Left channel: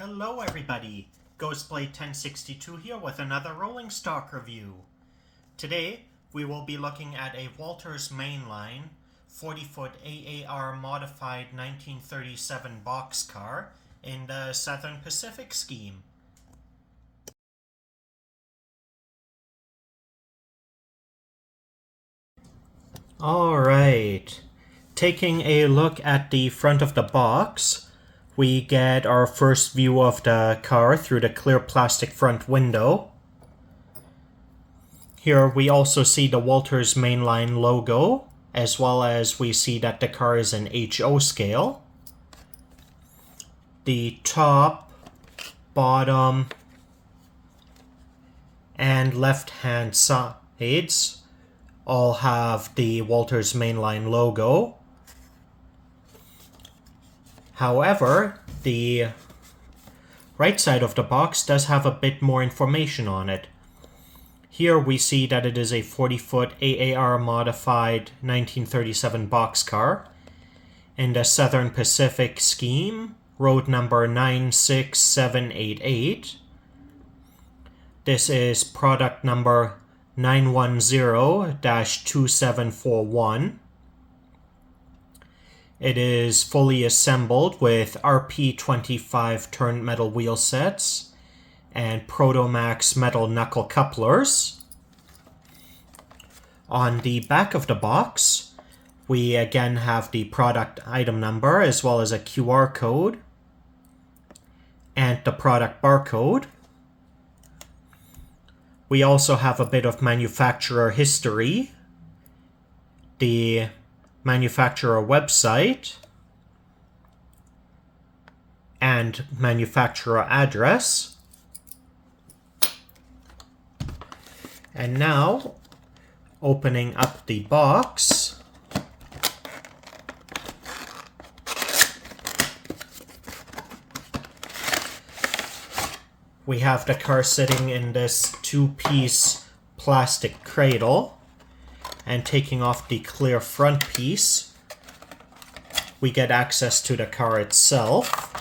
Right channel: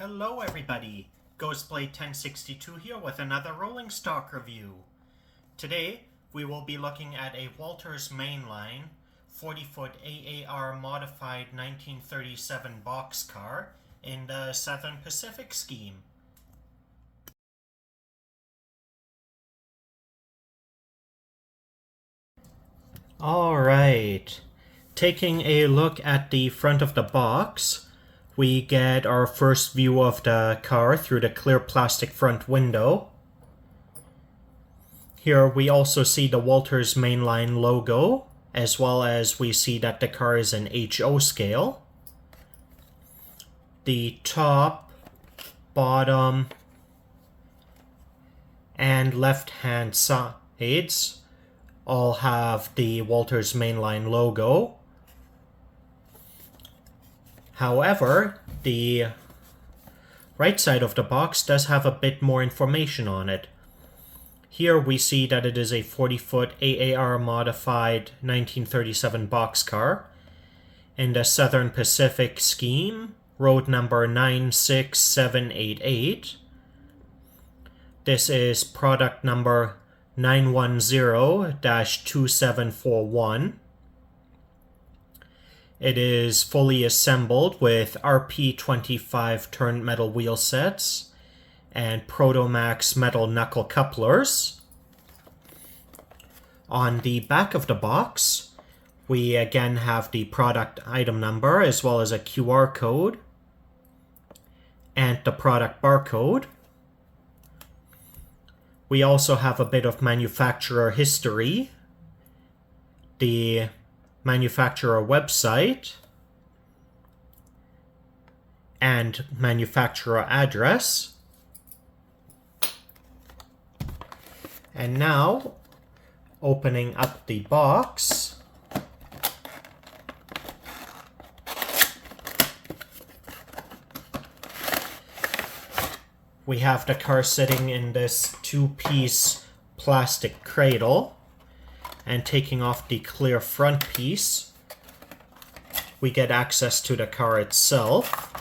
Hello everybody, Ghostblade 1062 here with another rolling stock review. Today we will be looking at a Walthers Mainline 40-foot AAR modified 1937 boxcar in the Southern Pacific scheme. Alright, taking a look at the front of the box, we get our first view of the car through the clear plastic front window. Here we also see the Walthers Mainline logo, as well as we see that the car is in HO scale. The top, bottom, and left-hand sides all have the Walthers Mainline logo. However, the right side of the box does have a bit more information on it. Here we see that it is a 40-foot AAR modified 1937 boxcar in the Southern Pacific scheme, road number 96788. This is product number 910-2741. It is fully assembled with RP25 turned metal wheel sets and Protomax metal knuckle couplers. On the back of the box, we again have the product item number as well as a QR code and the product barcode. We also have a bit of manufacturer history, the manufacturer website, and manufacturer address. And now, opening up the box, we have the car sitting in this two-piece plastic cradle. And taking off the clear front piece, we get access to the car itself.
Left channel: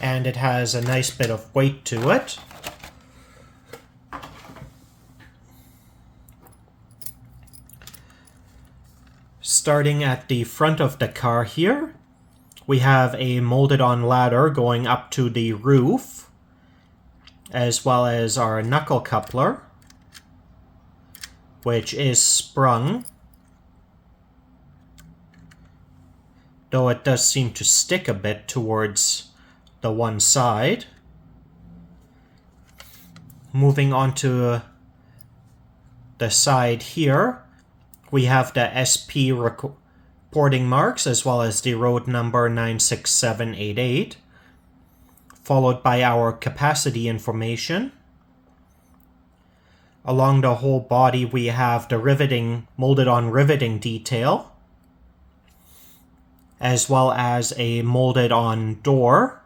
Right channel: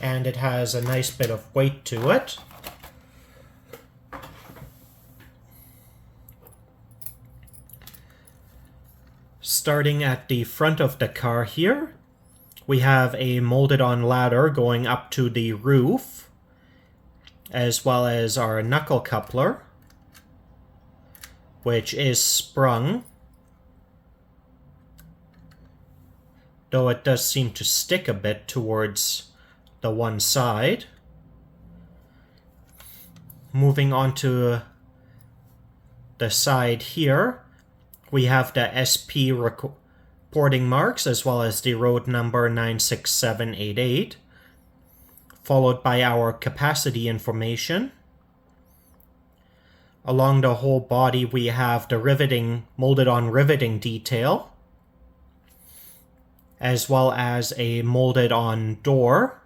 And it has a nice bit of weight to it. Starting at the front of the car here, we have a molded-on ladder going up to the roof, as well as our knuckle coupler, which is sprung, though it does seem to stick a bit towards the one side. Moving on to the side here, we have the SP reporting marks as well as the road number 96788. Followed by our capacity information. Along the whole body we have the riveting, molded-on riveting detail, as well as a molded-on door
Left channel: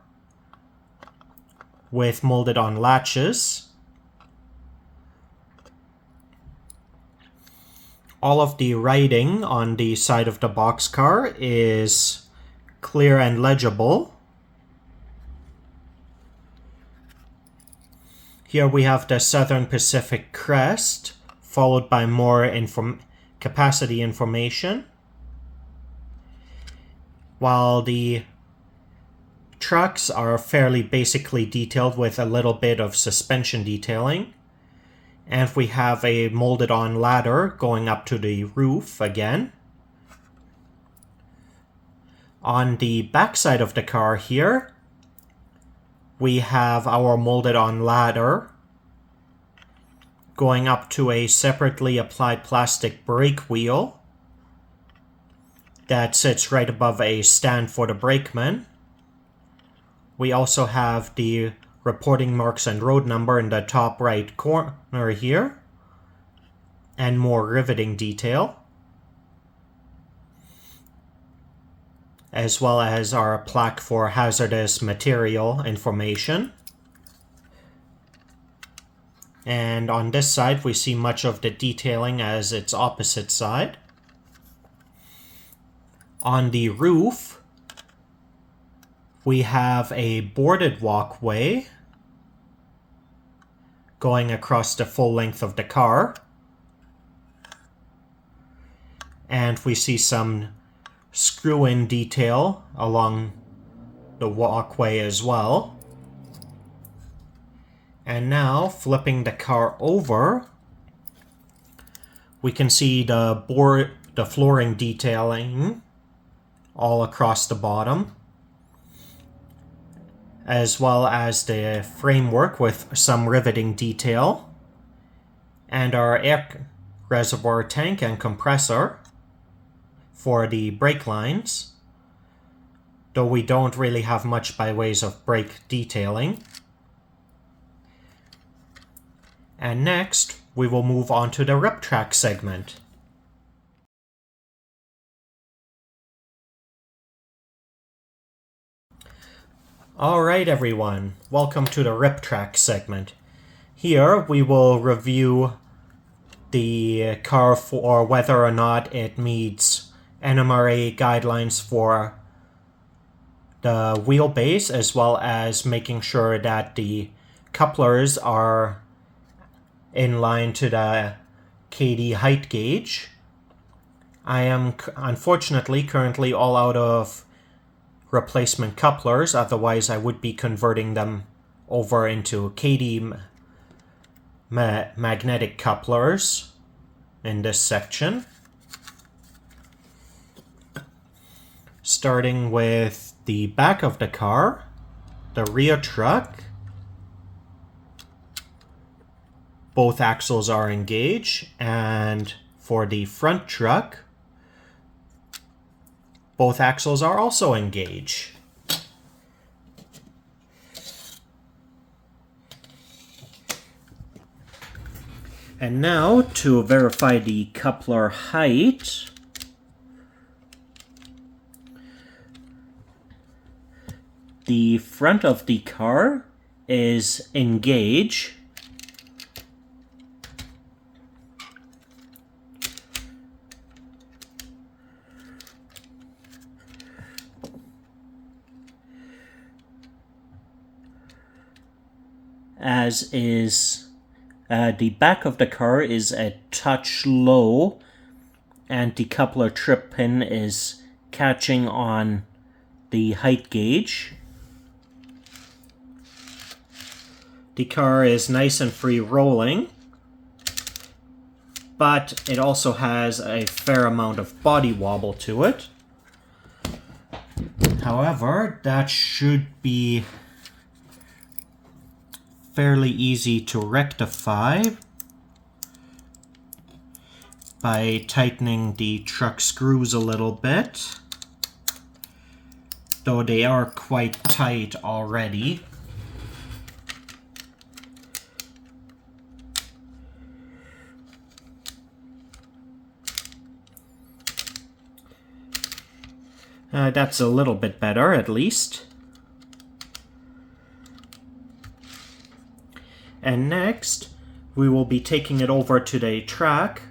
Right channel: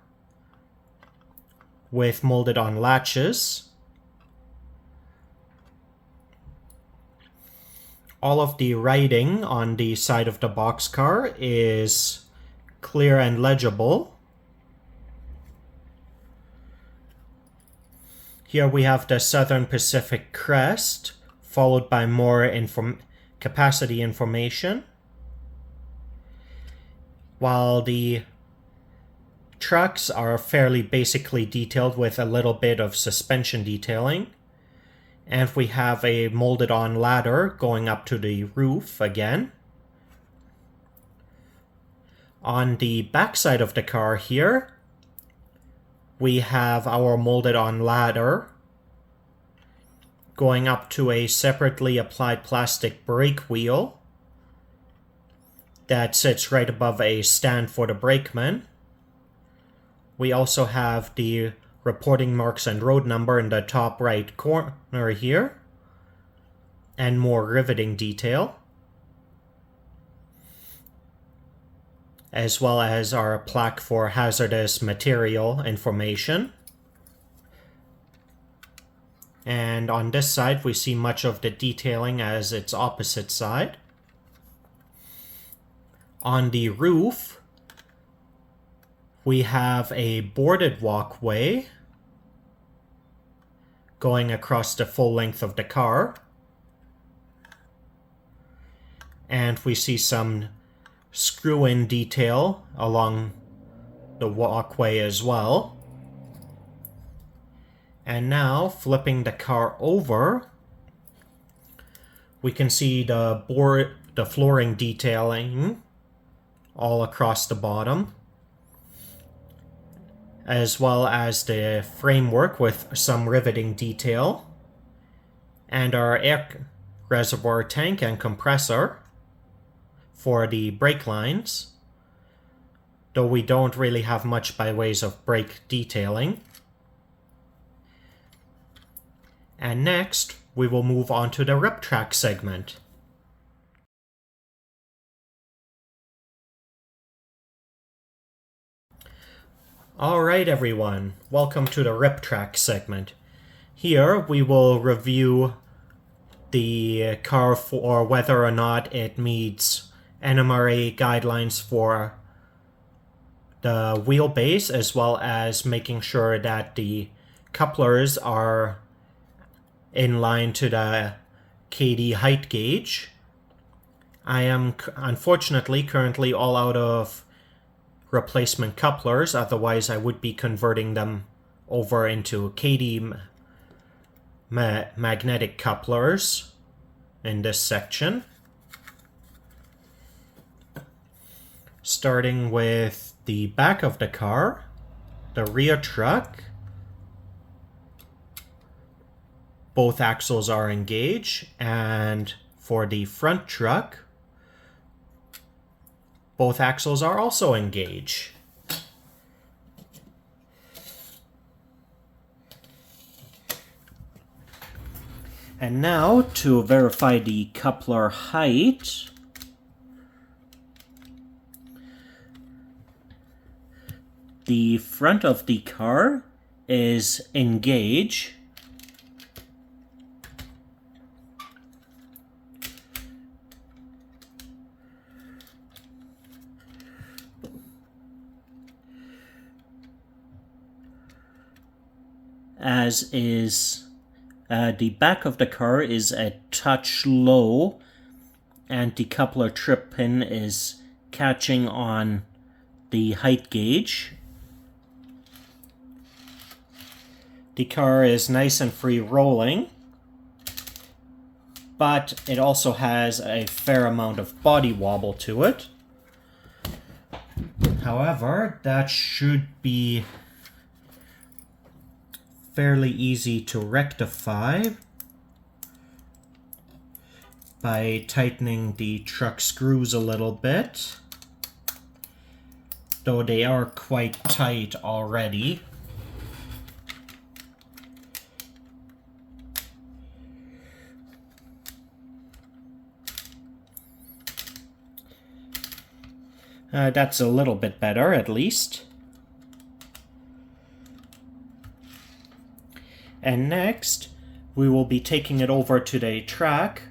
with molded-on latches. All of the writing on the side of the boxcar is clear and legible. Here we have the Southern Pacific crest, followed by more capacity information. While the trucks are fairly basically detailed with a little bit of suspension detailing. And we have a molded-on ladder going up to the roof again. On the back side of the car here, we have our molded-on ladder going up to a separately applied plastic brake wheel that sits right above a stand for the brakeman. We also have the reporting marks and road number in the top right corner here, and more riveting detail, as well as our plaque for hazardous material information. And on this side, we see much of the detailing as its opposite side. On the roof, We have a boarded walkway going across the full length of the car. And we see some screw-in detail along the walkway as well. And now, flipping the car over, we can see the flooring detailing all across the bottom, as well as the framework with some riveting detail, and our air reservoir tank and compressor for the brake lines, though we don't really have much by ways of brake detailing. And next, we will move on to the rip track segment. Alright everyone, welcome to the rip track segment. Here we will review the car for whether or not it meets NMRA guidelines for the wheelbase, as well as making sure that the couplers are in line to the KD height gauge. I am unfortunately currently all out of replacement couplers, otherwise I would be converting them over into KD magnetic couplers in this section. Starting with the back of the car, the rear truck, both axles are engaged, and for the front truck, both axles are also engaged. And now, to verify the coupler height, the front of the car is engaged, as is the back of the car is a touch low, and the coupler trip pin is catching on the height gauge. The car is nice and free rolling, but it also has a fair amount of body wobble to it. However, that should be fairly easy to rectify by tightening the truck screws a little bit, though they are quite tight already. That's a little bit better, at least. And next, we will be taking it over to the track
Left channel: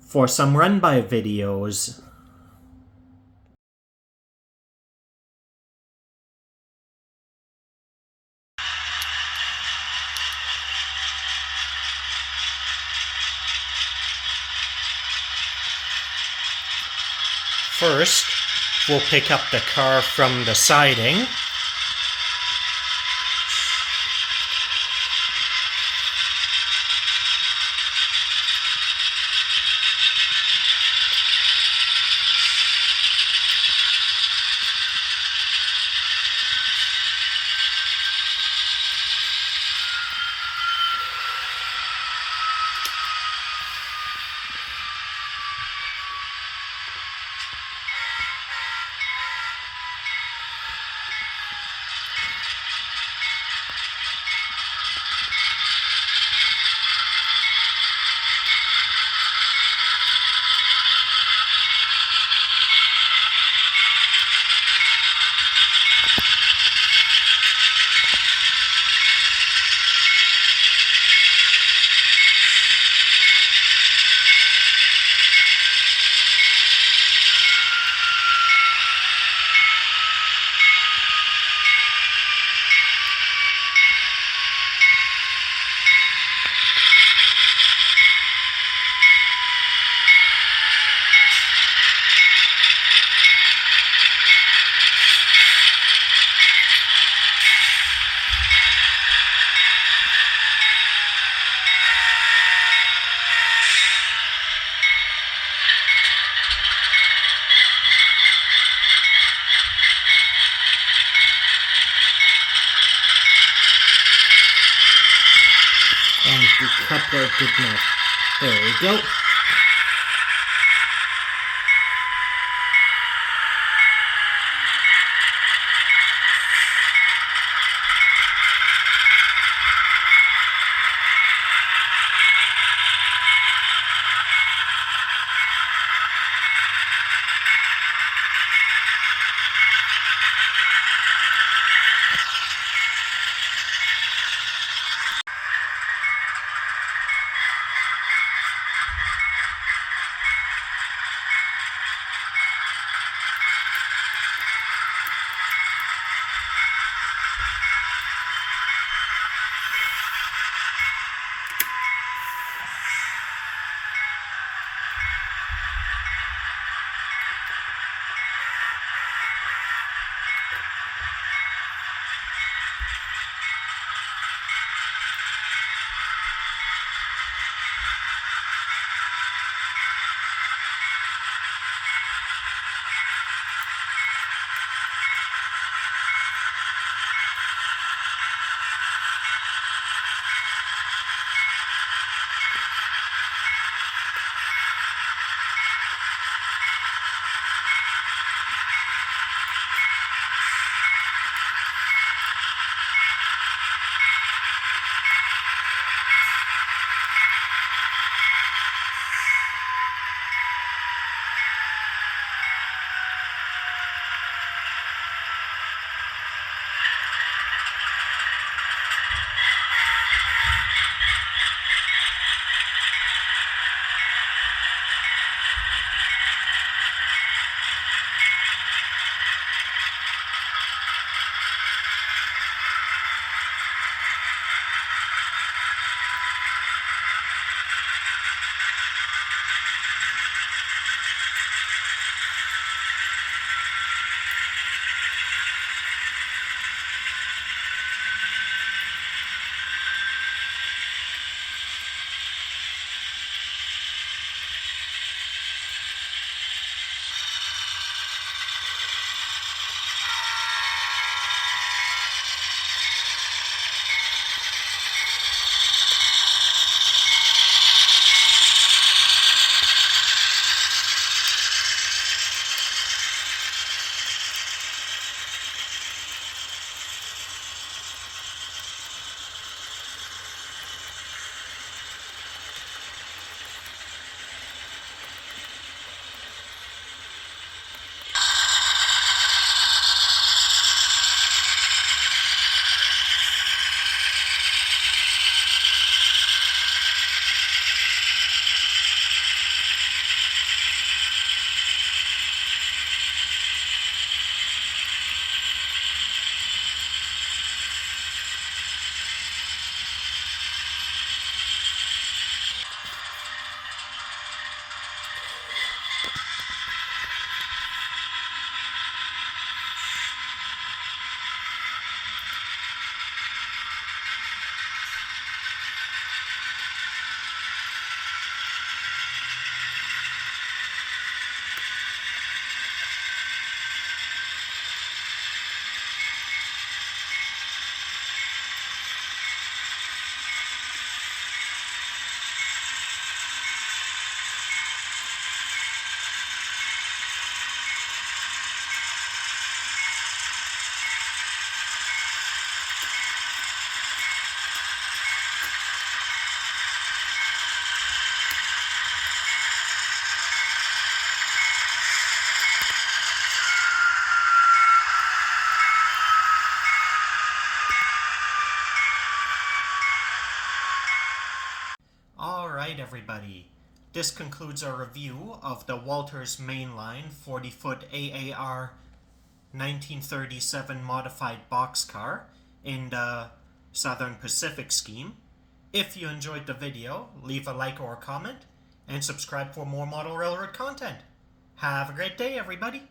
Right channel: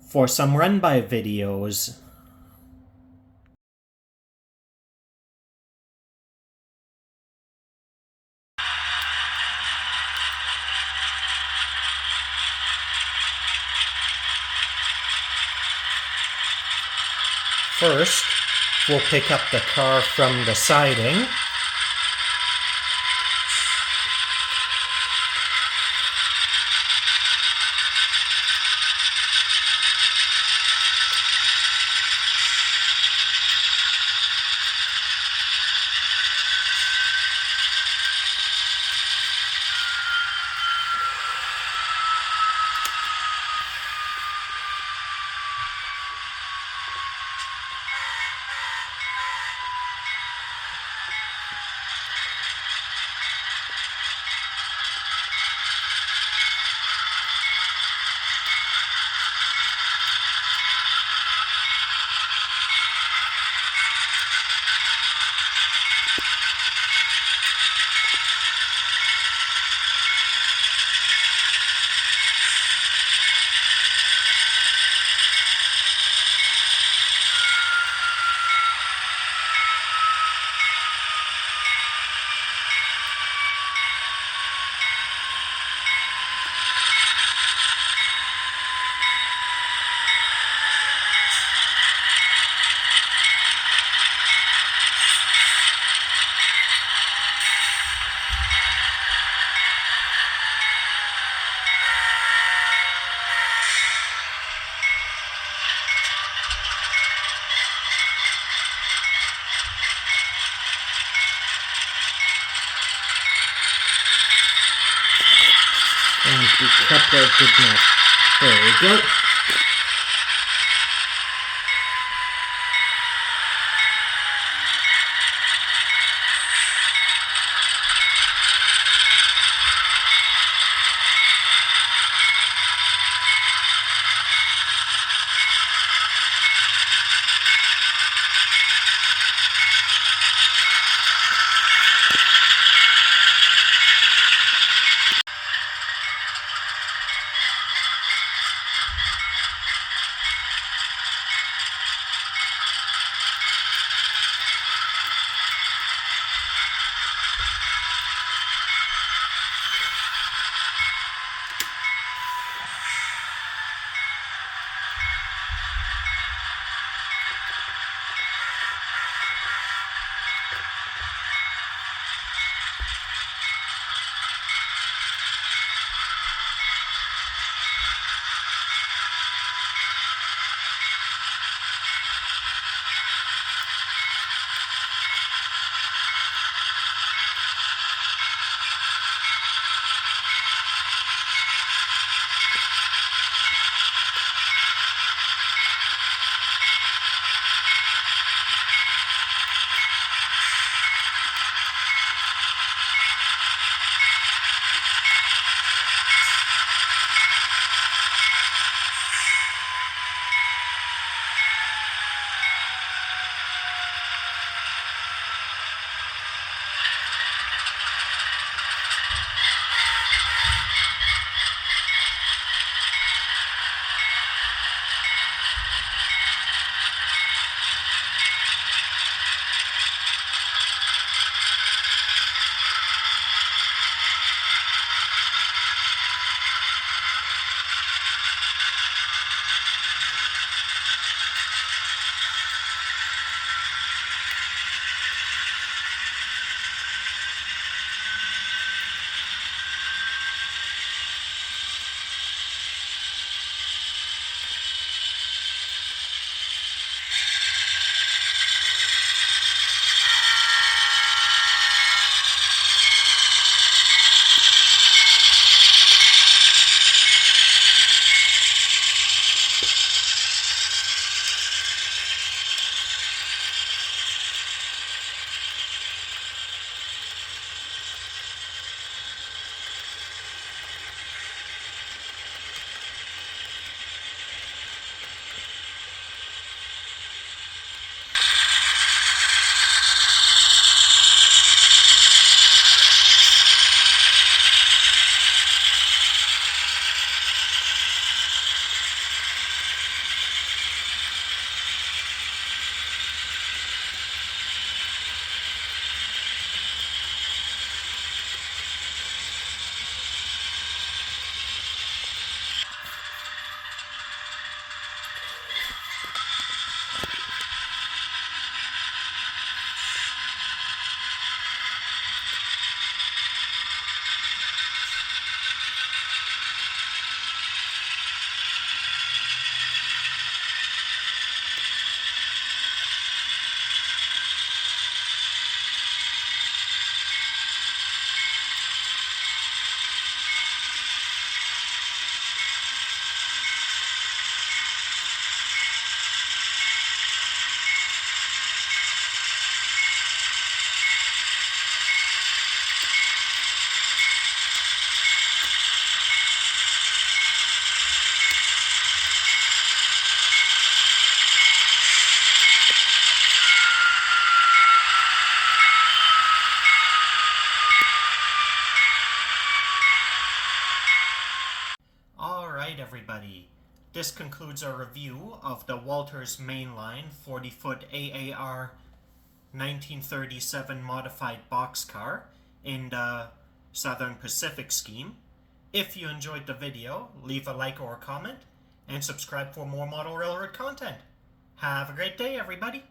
for some run-by videos. First, we'll pick up the car from the siding. the coupler did not. There we go. Alright everybody, this concludes our review of the Walthers Mainline 40-foot AAR 1937 modified boxcar in the Southern Pacific scheme. If you enjoyed the video, leave a like or a comment, and subscribe for more model railroad content. Have a great day everybody!